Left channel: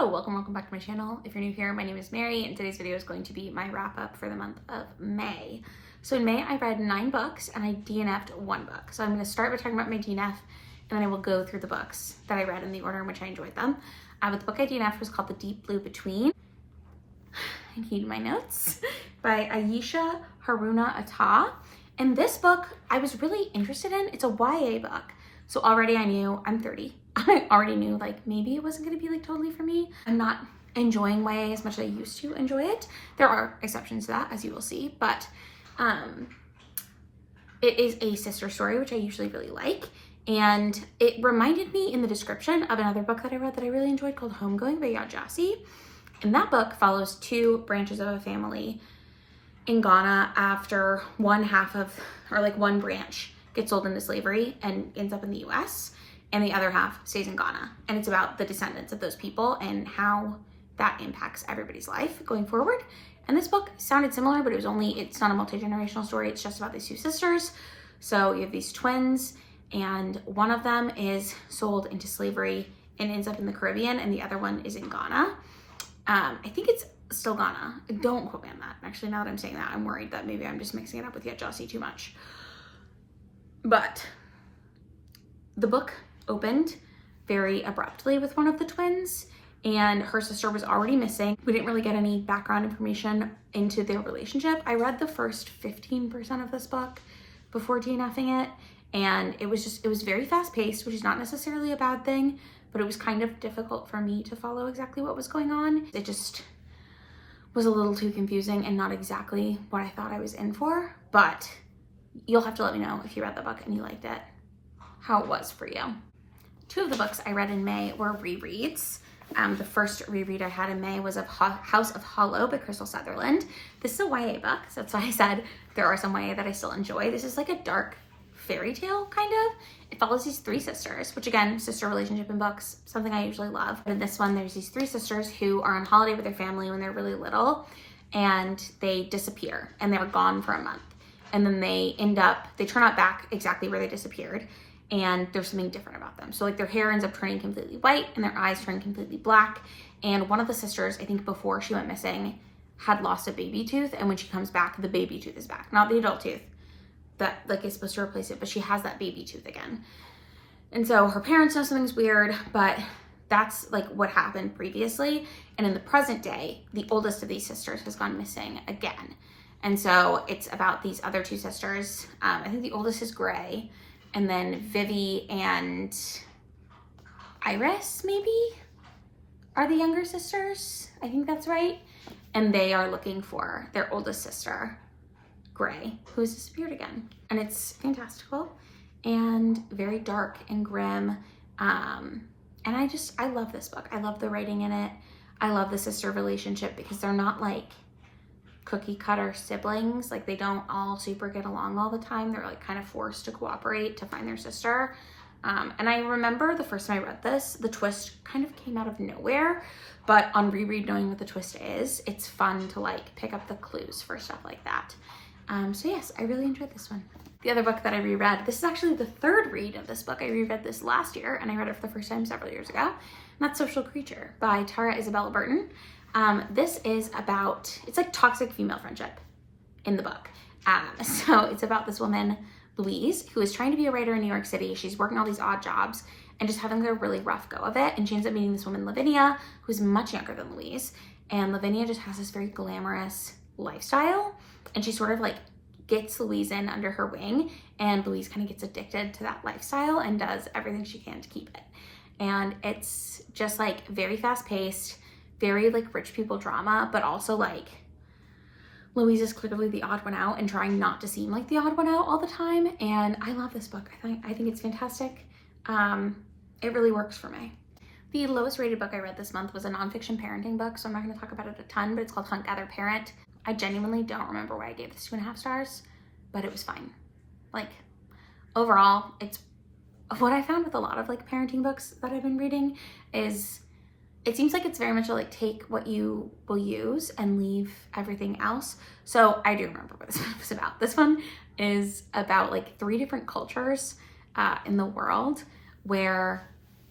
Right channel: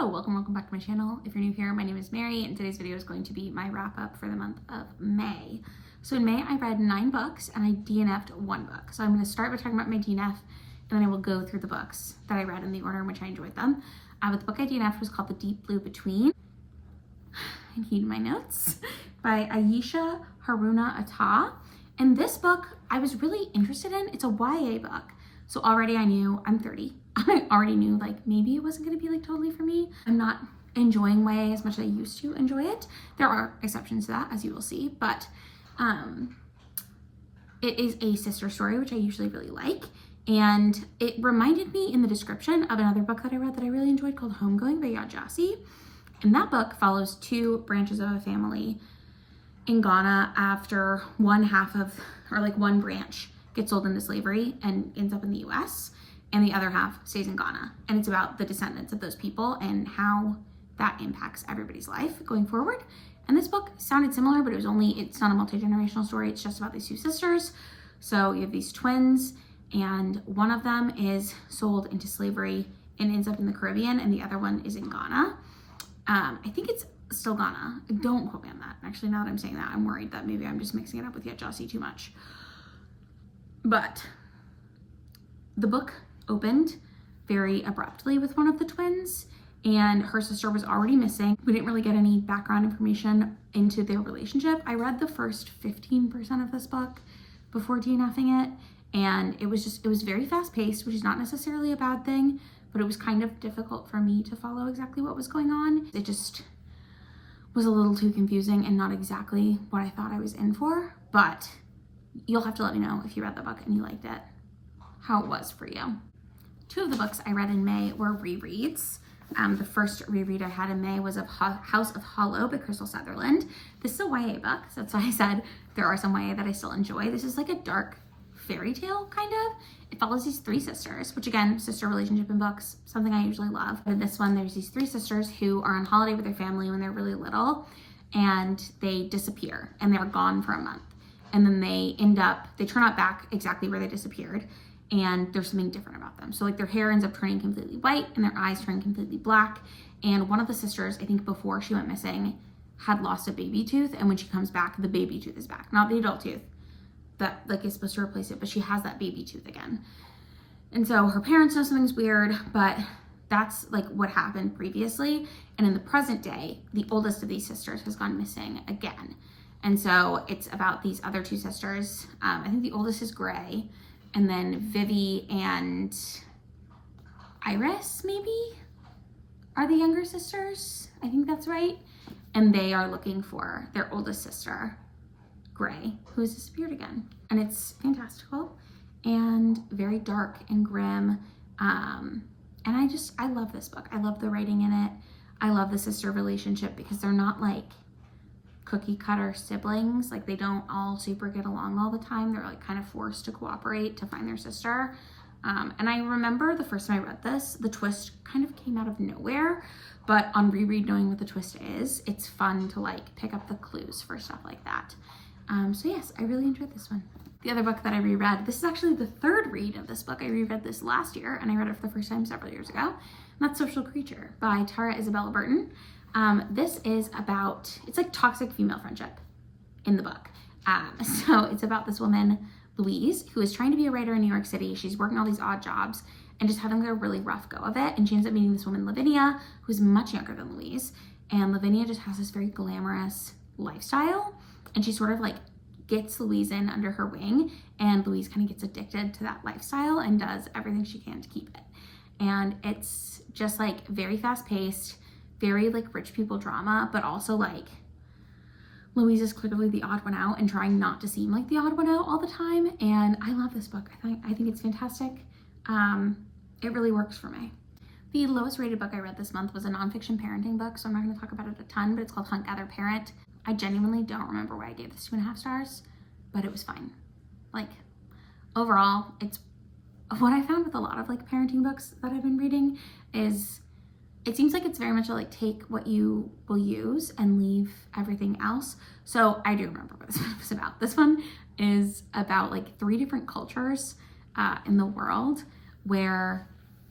Hello, welcome back to my channel. If you're new here, my name is Mary, and today's video is going to be my wrap up for the month of May. So in May, I read 9 books and I DNF'd 1 book. So I'm going to start by talking about my DNF, and then I will go through the books that I read in the order in which I enjoyed them. But the book I DNF'd was called The Deep Blue Between. I need my notes. By Ayesha Haruna Atta. And this book I was really interested in. It's a YA book. So already I knew, I'm 30. I already knew like maybe it wasn't going to be like totally for me. I'm not enjoying YA as much as I used to enjoy it. There are exceptions to that, as you will see, but it is a sister story, which I usually really like. And it reminded me in the description of another book that I read that I really enjoyed called Homegoing by Yaa Gyasi. And that book follows 2 branches of a family in Ghana after one branch gets sold into slavery and ends up in the US, and the other half stays in Ghana. And it's about the descendants of those people and how that impacts everybody's life going forward. And this book sounded similar, but it's not a multi-generational story. It's just about these 2 sisters. So you have these twins, and one of them is sold into slavery and ends up in the Caribbean, and the other one is in Ghana. I think it's still Ghana. Don't quote me on that. Actually, now that I'm saying that, I'm worried that maybe I'm just mixing it up with Yaa Gyasi too much. But the book opened very abruptly with one of the twins, and her sister was already missing. We didn't really get any background information into their relationship. I read the first 15% of this book before DNFing it, and it was very fast paced, which is not necessarily a bad thing, but it was kind of difficult for me to follow exactly what was going on. It just was a little too confusing and not exactly what I thought I was in for, but you'll have to let me know if you read the book and you liked it, how it was for you. 2 of the books I read in May were rereads. The first reread I had in May was of House of Hollow by Crystal Sutherland. This is a YA book, so that's why I said there are some YA that I still enjoy. This is like a dark fairy tale, kind of. It follows these 3 sisters, which again, sister relationship in books, something I usually love. But in this one, there's these 3 sisters who are on holiday with their family when they're really little, and they disappear, and they're gone for a month. And then they turn up back exactly where they disappeared, and there's something different about them. So like their hair ends up turning completely white and their eyes turn completely black. And one of the sisters, I think before she went missing, had lost a baby tooth, and when she comes back, the baby tooth is back. Not the adult tooth that like is supposed to replace it, but she has that baby tooth again. And so her parents know something's weird, but that's like what happened previously. And in the present day, the oldest of these sisters has gone missing again. And so it's about these other 2 sisters. I think the oldest is Gray, and then Vivi and Iris maybe are the younger sisters. I think that's right. And they are looking for their oldest sister, Gray, who has disappeared again. And it's fantastical and very dark and grim. And I love this book. I love the writing in it. I love the sister relationship because they're not like cookie cutter siblings. Like they don't all super get along all the time. They're like kind of forced to cooperate to find their sister. And I remember the first time I read this, the twist kind of came out of nowhere, but on reread, knowing what the twist is, it's fun to like pick up the clues for stuff like that. So yes, I really enjoyed this one. The other book that I reread, this is actually the 3rd read of this book. I reread this last year, and I read it for the first time several years ago. And that's Social Creature by Tara Isabella Burton. This is about, it's like toxic female friendship in the book. So it's about this woman, Louise, who is trying to be a writer in New York City. She's working all these odd jobs and just having a really rough go of it. And she ends up meeting this woman, Lavinia, who's much younger than Louise. And Lavinia just has this very glamorous lifestyle. And she sort of like gets Louise in under her wing, and Louise kind of gets addicted to that lifestyle and does everything she can to keep it. And it's just like very fast paced, very like rich people drama, but also like Louise is clearly the odd one out and trying not to seem like the odd one out all the time. And I love this book. I think it's fantastic. It really works for me. The lowest rated book I read this month was a nonfiction parenting book, so I'm not going to talk about it a ton, but it's called Hunt Gather Parent. I genuinely don't remember why I gave this 2.5 stars, but it was fine. Like overall, it's what I found with a lot of like parenting books that I've been reading is it seems like it's very much like take what you will use and leave everything else. So I do remember what this one was about. This one is about like 3 different cultures in the world where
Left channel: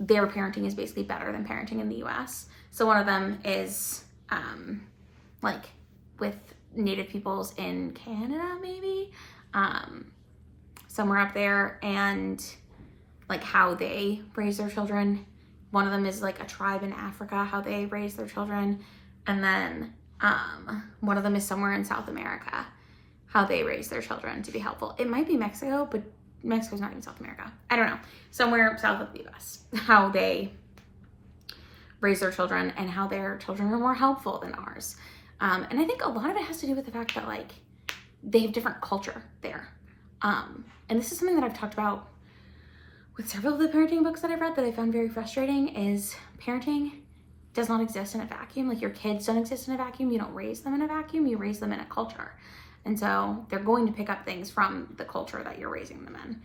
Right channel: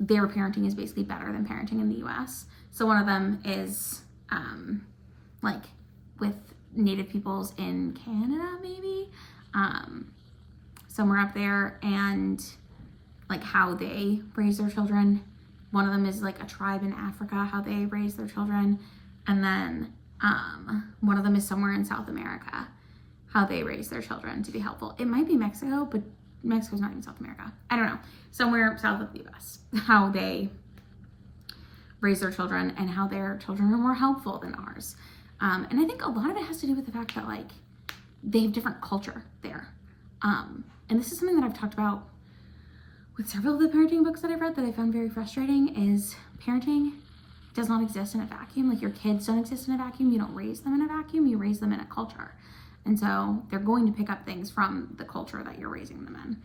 their parenting is basically better than parenting in the US. So one of them is like with Native peoples in Canada, maybe, somewhere up there, and like how they raise their children. One of them is like a tribe in Africa, how they raise their children. And then one of them is somewhere in South America, how they raise their children to be helpful. It might be Mexico, but Mexico's not even South America. I don't know. Somewhere south of the US, how they raise their children and how their children are more helpful than ours. And I think a lot of it has to do with the fact that like they have different culture there. And this is something that I've talked about with several of the parenting books that I've read that I found very frustrating, is parenting does not exist in a vacuum. Like your kids don't exist in a vacuum. You don't raise them in a vacuum. You raise them in a culture. And so they're going to pick up things from the culture that you're raising them in,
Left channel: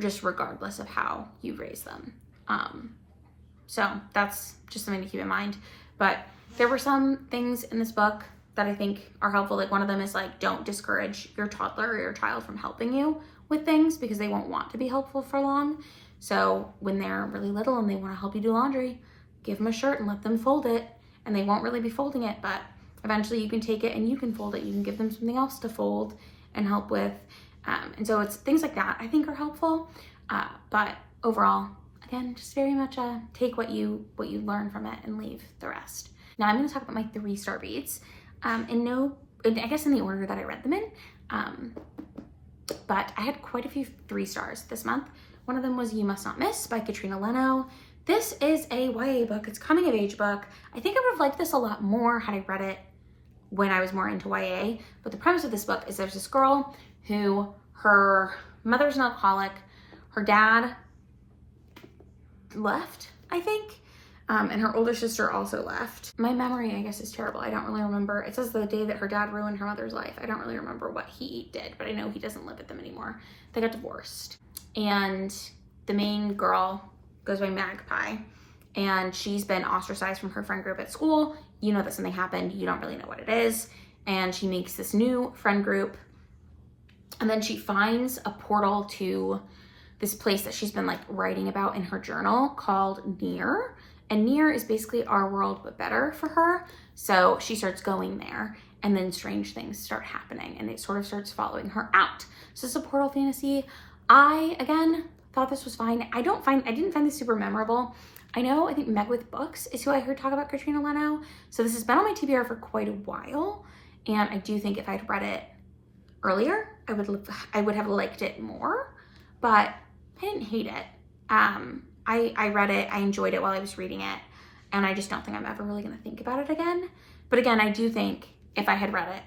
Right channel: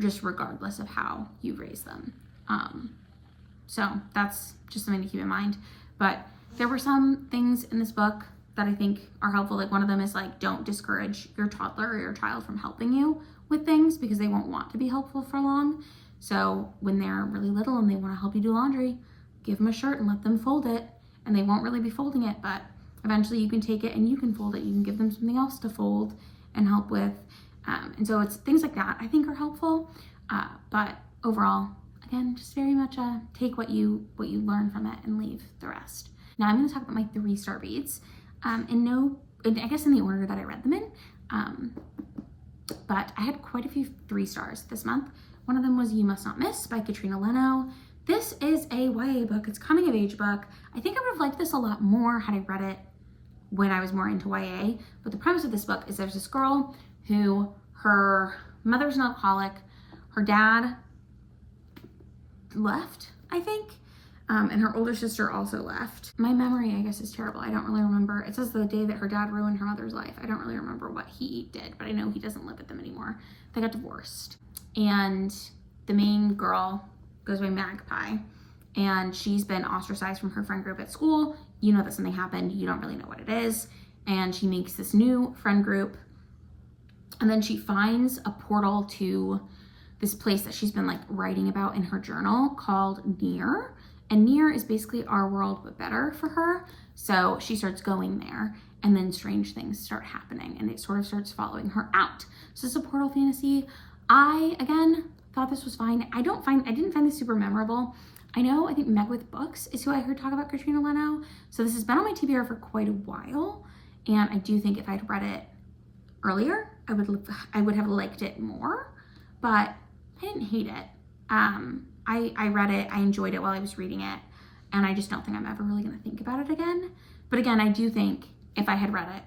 just regardless of how you raise them. So that's just something to keep in mind. But there were some things in this book that I think are helpful. Like one of them is like, don't discourage your toddler or your child from helping you with things because they won't want to be helpful for long. So when they're really little and they want to help you do laundry, give them a shirt and let them fold it, and they won't really be folding it, but eventually you can take it and you can fold it. You can give them something else to fold and help with. And so it's things like that I think are helpful. But overall, again, just very much take what you learn from it and leave the rest. Now I'm going to talk about my 3-star reads. I guess in the order that I read them in. But I had quite a few 3 stars this month. One of them was You Must Not Miss by Katrina Leno. This is a YA book. It's a coming of age book. I think I would have liked this a lot more had I read it when I was more into YA. But the premise of this book is there's this girl who, her mother's an alcoholic. Her dad left, I think. And her older sister also left. My memory, I guess, is terrible. I don't really remember. It says the day that her dad ruined her mother's life. I don't really remember what he did, but I know he doesn't live with them anymore. They got divorced. And the main girl goes by Magpie, and she's been ostracized from her friend group at school. You know that something happened. You don't really know what it is. And she makes this new friend group. And then she finds a portal to this place that she's been like writing about in her journal called Near. And Near is basically our world, but better for her. So she starts going there, and then strange things start happening, and it sort of starts following her out. So it's a portal fantasy. I, again, thought this was fine. I didn't find this super memorable. I think Meg with Books is who I heard talk about Katrina Leno. So this has been on my TBR for quite a while. And I do think if I'd read it earlier, I would have liked it more, but I didn't hate it. I read it, I enjoyed it while I was reading it, and I just don't think I'm ever really going to think about it again. But again, I do think if I had read it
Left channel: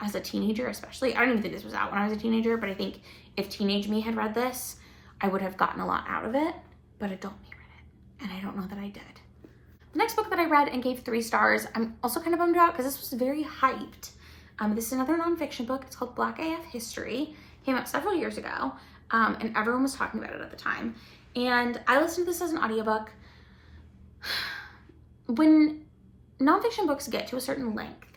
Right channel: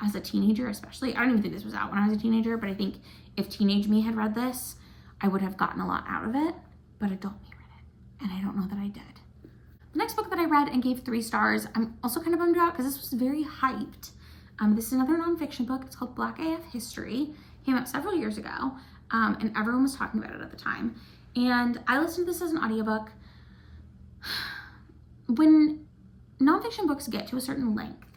as a teenager, especially, I don't even think this was out when I was a teenager, but I think if teenage me had read this, I would have gotten a lot out of it, but adult me read it, and I don't know that I did. The next book that I read and gave 3 stars, I'm also kind of bummed out because this was very hyped. This is another nonfiction book. It's called Black AF History. Came out several years ago, and everyone was talking about it at the time. And I listened to this as an audiobook. When nonfiction books get to a certain length,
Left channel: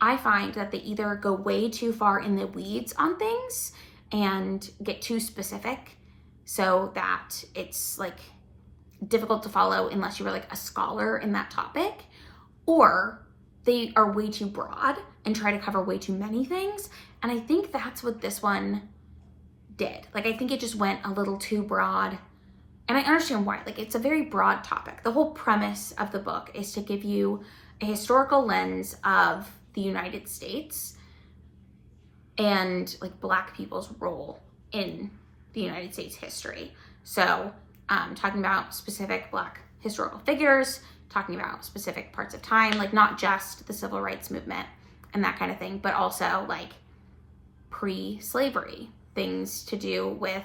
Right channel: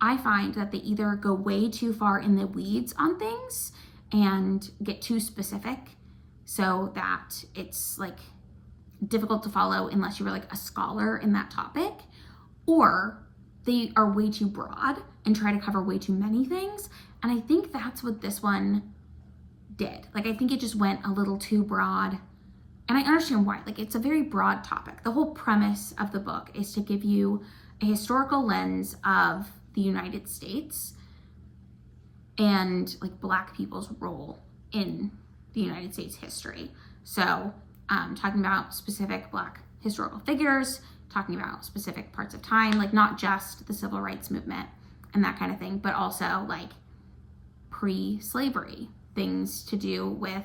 I find that they either go way too far in the weeds on things and get too specific so that it's like difficult to follow unless you were like a scholar in that topic, or they are way too broad and try to cover way too many things. And I think that's what this one did. Like, I think it just went a little too broad. And I understand why. Like, it's a very broad topic. The whole premise of the book is to give you a historical lens of the United States and like Black people's role in the United States history. So talking about specific Black historical figures, talking about specific parts of time, like not just the civil rights movement and that kind of thing, but also like pre-slavery, things to do with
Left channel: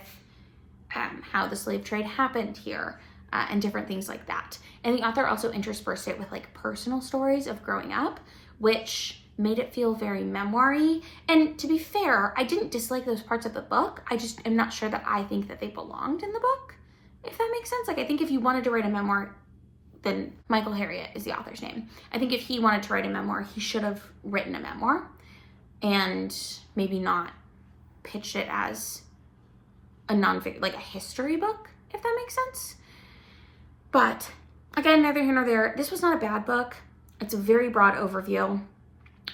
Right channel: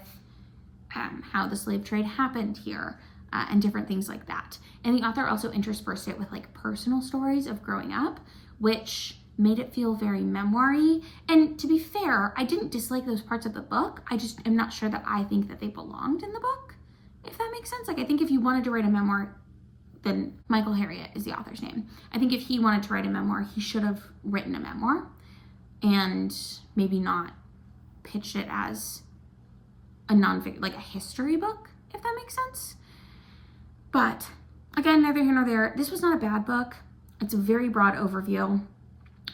how the slave trade happened here, and different things like that. And the author also interspersed it with like personal stories of growing up, which made it feel very memoir-y. And to be fair, I didn't dislike those parts of the book. I just am not sure that I think that they belonged in the book, if that makes sense. Like, I think if you wanted to write a memoir, then Michael Harriot is the author's name. I think if he wanted to write a memoir, he should have written a memoir and maybe not pitched it as a nonfiction, like a history book, if that makes sense. But again, neither here nor there. This was not a bad book. It's a very broad overview.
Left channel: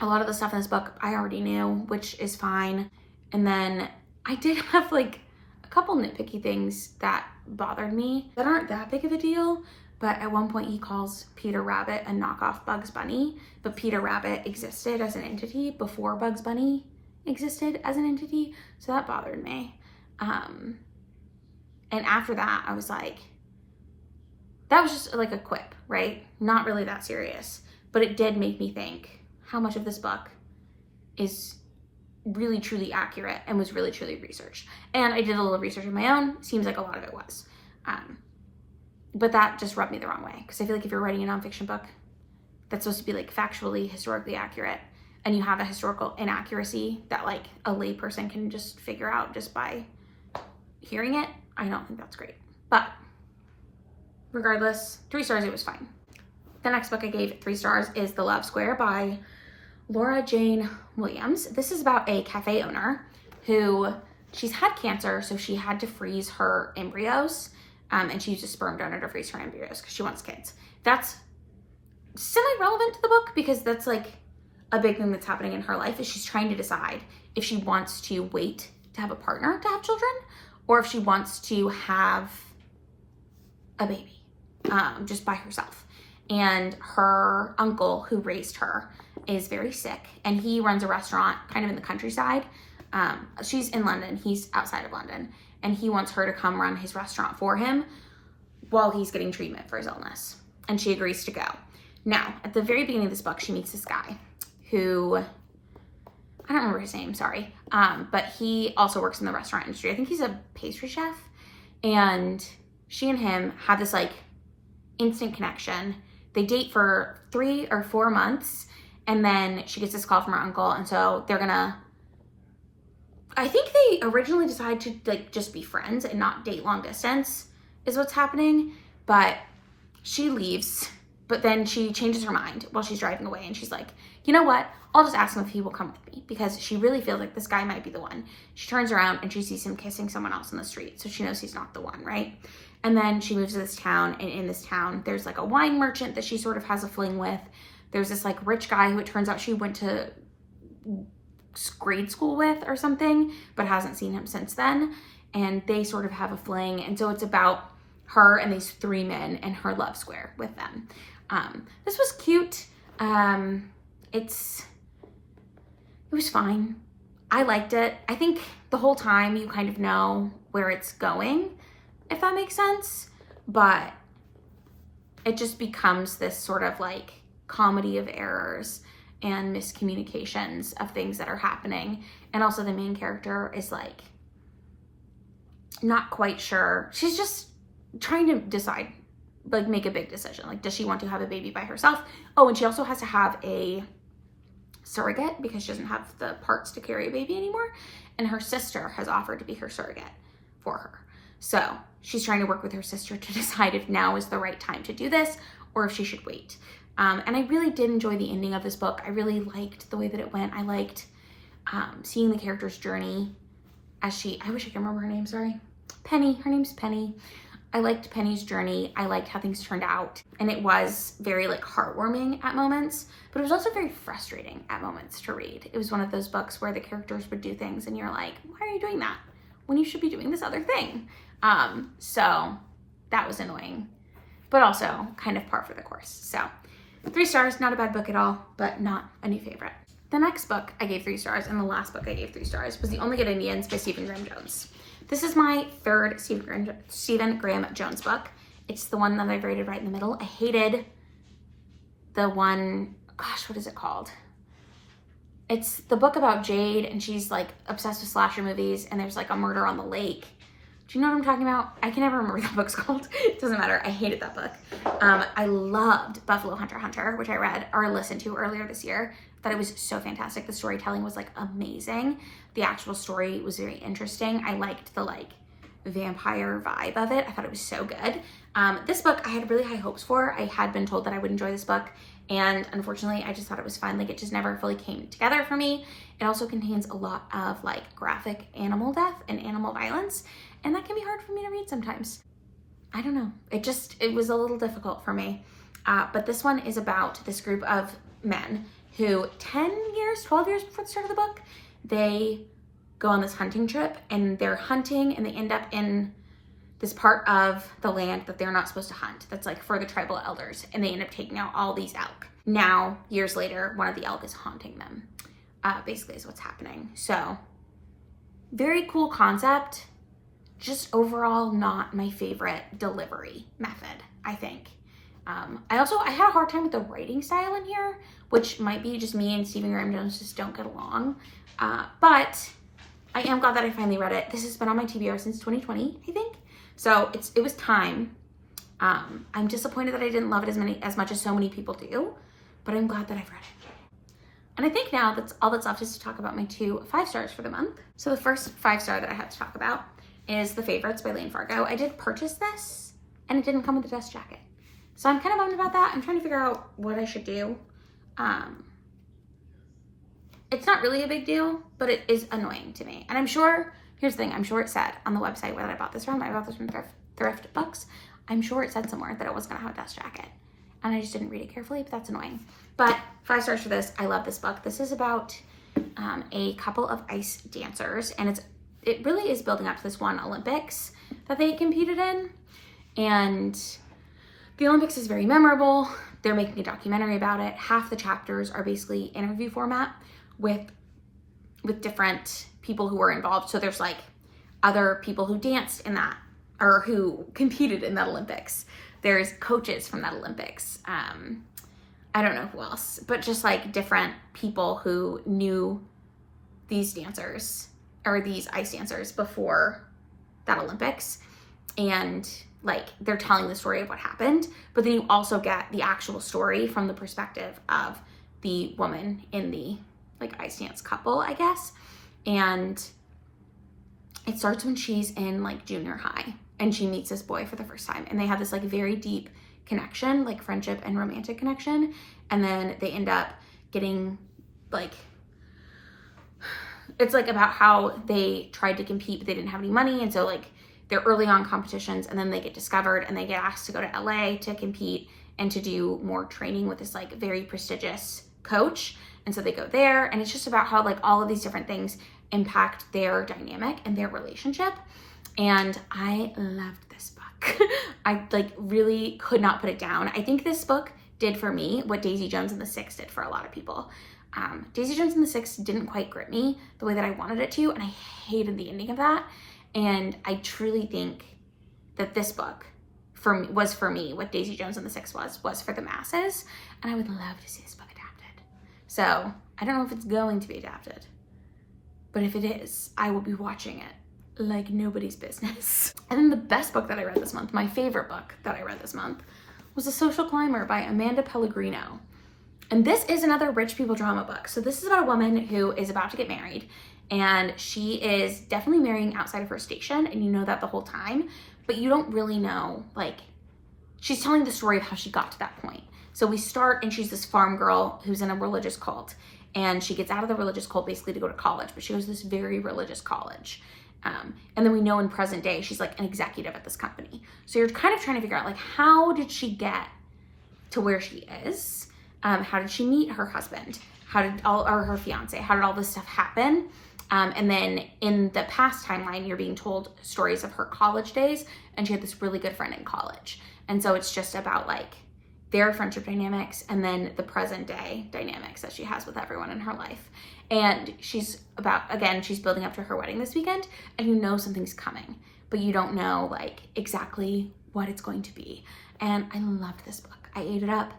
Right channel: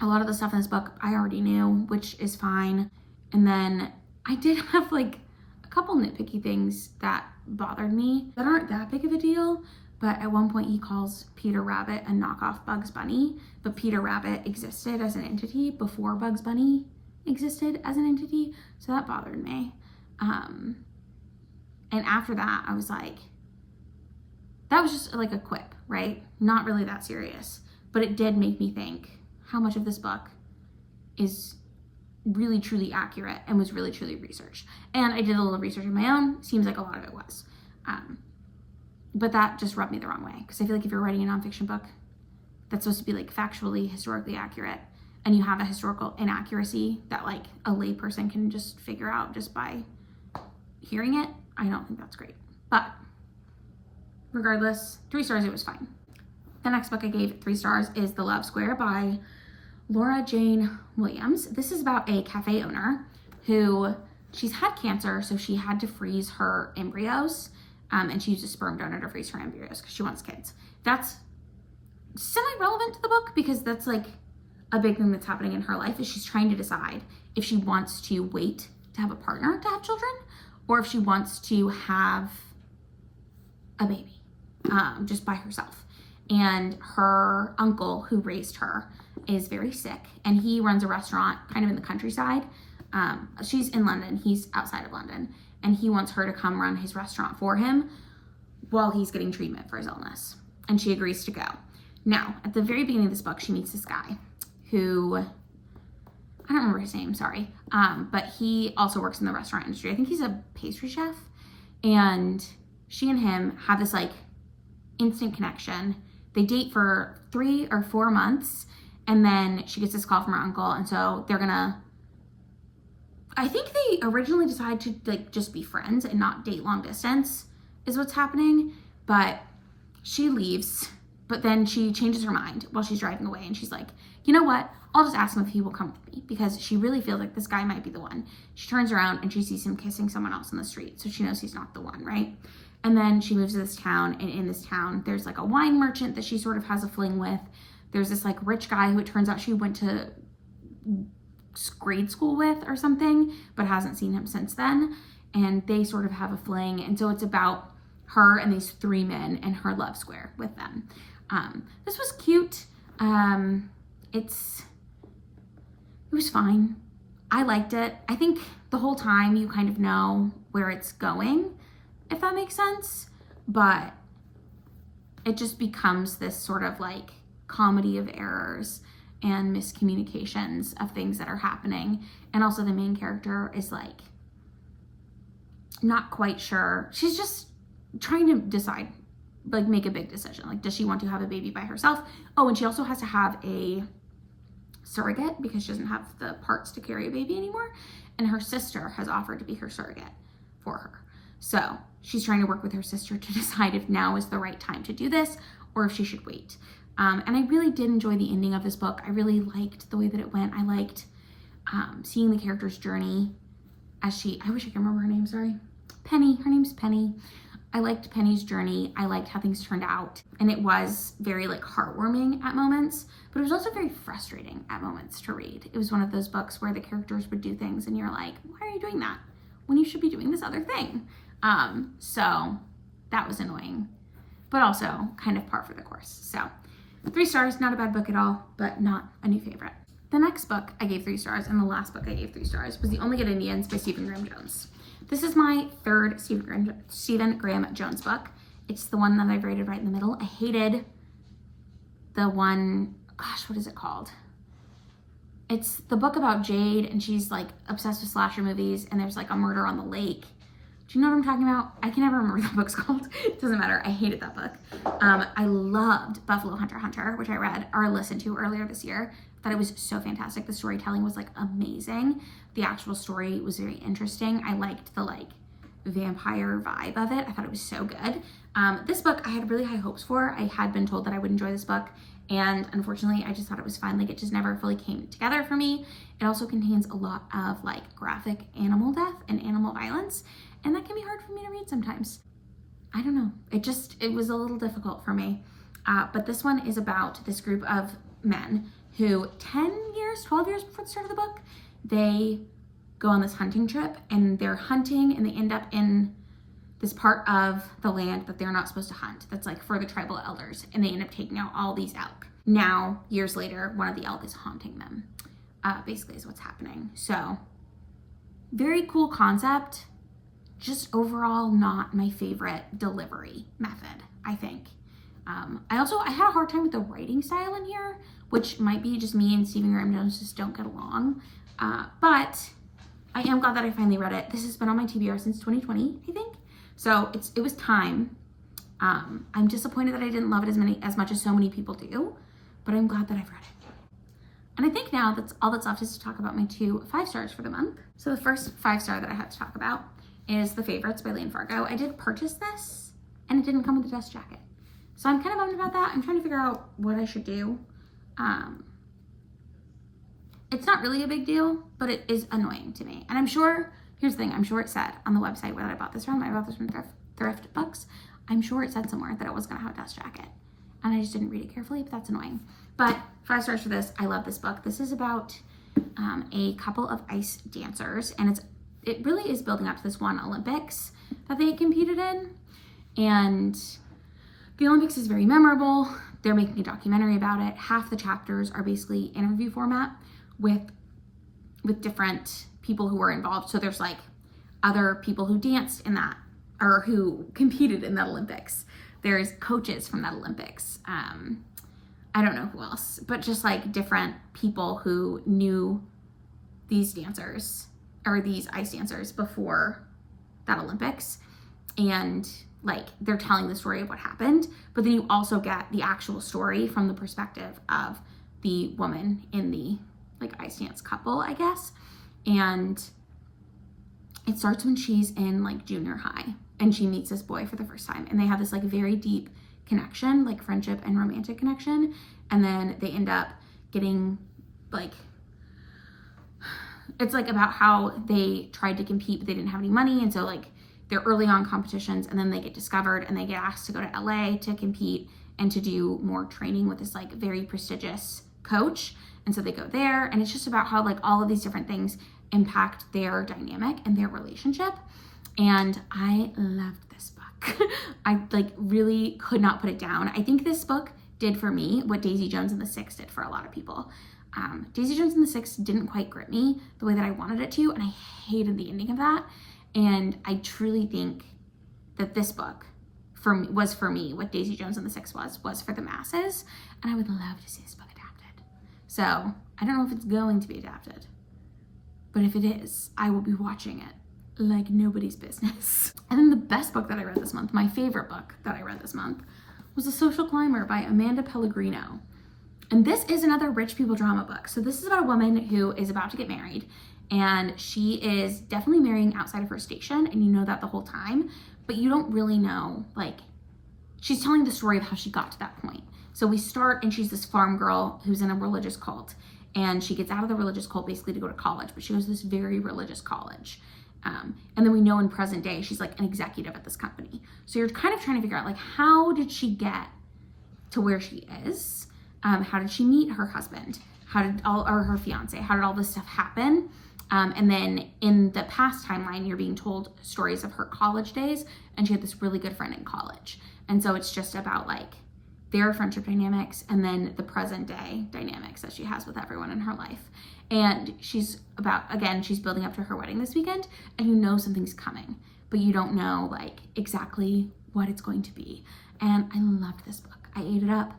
A lot of the stuff in this book I already knew, which is fine. And then I did have like a couple nitpicky things that bothered me that aren't that big of a deal. But at one point he calls Peter Rabbit a knockoff Bugs Bunny, but Peter Rabbit existed as an entity before Bugs Bunny existed as an entity. So that bothered me. And after that, I was like, that was just like a quip, right? Not really that serious, but it did make me think how much of this book is really truly accurate and was really truly researched. And I did a little research of my own. Seems like a lot of it was. But that just rubbed me the wrong way, because I feel like if you're writing a nonfiction book that's supposed to be like factually, historically accurate, and you have a historical inaccuracy that like a lay person can just figure out just by hearing it, I don't think that's great. But regardless, 3 stars, it was fine. The next book I gave 3 stars is The Love Square by Laura Jane Williams. This is about a cafe owner who, she's had cancer, so she had to freeze her embryos, and she used a sperm donor to freeze her embryos because she wants kids. That's semi-relevant to the book because that's like a big thing that's happening in her life, is she's trying to decide if she wants to wait to have a partner to have children, or if she wants to have a baby just by herself. And her uncle who raised her is very sick, and he runs a restaurant kind of in the countryside. She's in London, he's outside of London, and he wants her to come run his restaurant for him while he's getting treatment for his illness. And she agrees to go. Now, at the very beginning of this book, she meets this guy who, I don't remember his name, sorry, but he also works in the restaurant industry. I think he's a pastry chef, and she and him have this like instant connection. They date for 3 or 4 months, and then she gets this call from her uncle, and so they're gonna, I think they originally decide to like just be friends and not date long distance is what's happening, but she leaves, but then she changes her mind while she's driving away, and she's like, you know what, I'll just ask him if he will come with me, because she really feels like this guy might be the one. She turns around and she sees him kissing someone else in the street, so she knows he's not the one, right? And then she moves to this town, and in this town, there's like a wine merchant that she sort of has a fling with. There's this like rich guy who it turns out she went to grade school with or something, but hasn't seen him since then. And they sort of have a fling. And so it's about her and these 3 men and her love square with them. This was cute. It was fine. I liked it. I think the whole time you kind of know where it's going, if that makes sense, but it just becomes this sort of like comedy of errors and miscommunications of things that are happening. And also the main character is like not quite sure. She's just trying to decide, like make a big decision. Like, does she want to have a baby by herself? Oh, and she also has to have a surrogate because she doesn't have the parts to carry a baby anymore. And her sister has offered to be her surrogate for her. So she's trying to work with her sister to decide if now is the right time to do this or if she should wait. And I really did enjoy the ending of this book. I really liked the way that it went. I liked seeing the character's journey as I wish I could remember her name, sorry. Penny, her name's Penny. I liked Penny's journey. I liked how things turned out. And it was very like heartwarming at moments, but it was also very frustrating at moments to read. It was one of those books where the characters would do things and you're like, why are you doing that when you should be doing this other thing? So that was annoying, but also kind of par for the course. So 3 stars, not a bad book at all, but not a new favorite. The next book I gave 3 stars, and the last book I gave 3 stars, was The Only Good Indians by Stephen Graham Jones. This is my 3rd Stephen Graham Jones book. It's the one that I've rated right in the middle. I hated the one, gosh, what is it called? It's the book about Jade, and she's like obsessed with slasher movies, and there's like a murder on the lake. Do you know what I'm talking about? I can never remember what that book's called. It doesn't matter. I hated that book. I loved Buffalo Hunter Hunter, which I read or listened to earlier this year. Thought it was so fantastic. The storytelling was like amazing. The actual story was very interesting. I liked the like vampire vibe of it. I thought it was so good. This book I had really high hopes for. I had been told that I would enjoy this book, and unfortunately I just thought it was fine. Like, it just never fully came together for me. It also contains a lot of like graphic animal death and animal violence, and that can be hard for me to read sometimes. I don't know. It was a little difficult for me. But this one is about this group of men who 12 years before the start of the book, they go on this hunting trip, and they're hunting, and they end up in this part of the land that they're not supposed to hunt. That's like for the tribal elders, and they end up taking out all these elk. Now, years later, one of the elk is haunting them, basically is what's happening. So, very cool concept. Just overall not my favorite delivery method, I think. I had a hard time with the writing style in here, which might be just me and Stephen Graham Jones just don't get along. But I am glad that I finally read it. This has been on my TBR since 2020, I think. So it was time. I'm disappointed that I didn't love it as much as so many people do, but I'm glad that I've read it. And I think now that's all that's left is to talk about my 2 5-stars for the month. So the first 5-star that I have to talk about is The Favorites by Lane Fargo. I did purchase this, and it didn't come with a dust jacket. So I'm kind of bummed about that. I'm trying to figure out what I should do. It's not really a big deal, but it is annoying to me. And I'm sure, here's the thing, I'm sure it said on the website where I bought this from. I bought this from Thrift Books. I'm sure it said somewhere that it was going to have a dust jacket. And I just didn't read it carefully, but that's annoying. But 5 stars for this. I love this book. This is about a couple of ice dancers, and it really is building up to this one Olympics that they competed in. And the Olympics is very memorable. They're making a documentary about it. Half the chapters are basically interview format with different people who were involved. So there's like other people who danced in that or who competed in that Olympics. There's coaches from that Olympics. I don't know who else, but just like different people who knew these dancers or these ice dancers before that Olympics. And like they're telling the story of what happened, but then you also get the actual story from the perspective of the woman in the like ice dance couple, I guess. And it starts when she's in like junior high and she meets this boy for the first time, and they have this like very deep connection, like friendship and romantic connection. And then they end up getting like, it's like about how they tried to compete, but they didn't have any money. And so like they're early on competitions, and then they get discovered and they get asked to go to LA to compete and to do more training with this like very prestigious coach. And so they go there, and it's just about how like all of these different things impact their dynamic and their relationship. And I loved this book. I like really could not put it down. I think this book did for me what Daisy Jones and the Six did for a lot of people. Daisy Jones and the Six didn't quite grip me the way that I wanted it to, and I hated the ending of that. And I truly think that this book was for me what Daisy Jones and the Six was for the masses. And I would love to see this book adapted. So I don't know if it's going to be adapted, but if it is, I will be watching it like nobody's business. And then the best book that I read this month, my favorite book that I read this month, was The Social Climber by Amanda Pellegrino. And this is another rich people drama book. So this is about a woman who is about to get married, and she is definitely marrying outside of her station, and you know that the whole time, but you don't really know, like, she's telling the story of how she got to that point. So we start, and she's this farm girl who's in a religious cult, and she gets out of the religious cult basically to go to college, but she goes to this very religious college. And then we know in present day, she's like an executive at this company. So you're kind of trying to figure out, like, how did she get to where she is? How did she meet her husband? Or her fiance? How did all this stuff happen? And then in the past timeline, you're being told stories of her college days, and she had this really good friend in college. And so it's just about like their friendship dynamics and then the present day dynamics that she has with everyone in her life. And she's building up to her wedding this weekend, and you know something's coming, but you don't know like exactly what it's going to be. And I loved this book. I ate it up.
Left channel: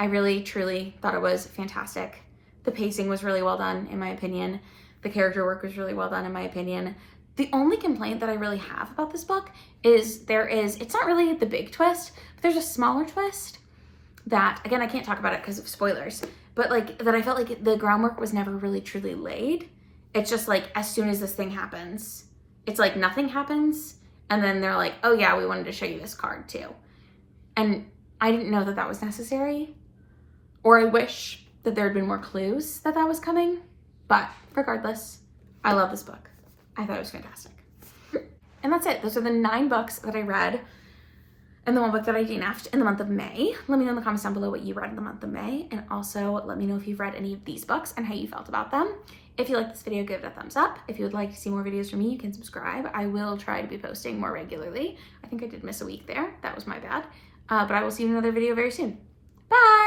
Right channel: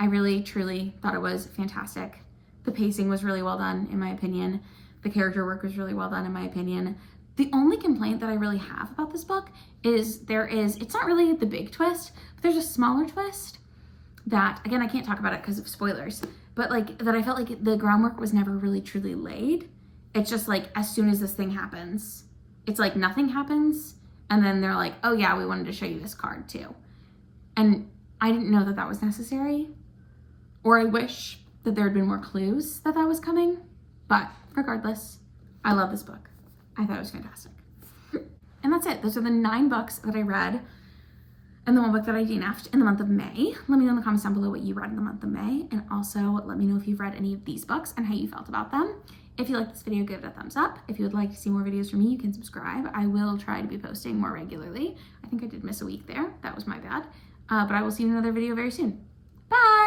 I really, truly thought it was fantastic. The pacing was really well done, in my opinion. The character work was really well done, in my opinion. The only complaint that I really have about this book is it's not really the big twist, but there's a smaller twist that, again, I can't talk about it because of spoilers, but like that I felt like the groundwork was never really truly laid. It's just like, as soon as this thing happens, it's like nothing happens. And then they're like, oh yeah, we wanted to show you this card too. And I didn't know that that was necessary. Or I wish that there had been more clues that was coming. But regardless, I love this book. I thought it was fantastic. And that's it. Those are the 9 books that I read and the one book that I DNF'd in the month of May. Let me know in the comments down below what you read in the month of May, and also let me know if you've read any of these books and how you felt about them. If you like this video, give it a thumbs up. If you would like to see more videos from me, you can subscribe. I will try to be posting more regularly. I think I did miss a week there. That was my bad. But I will see you in another video very soon. Bye!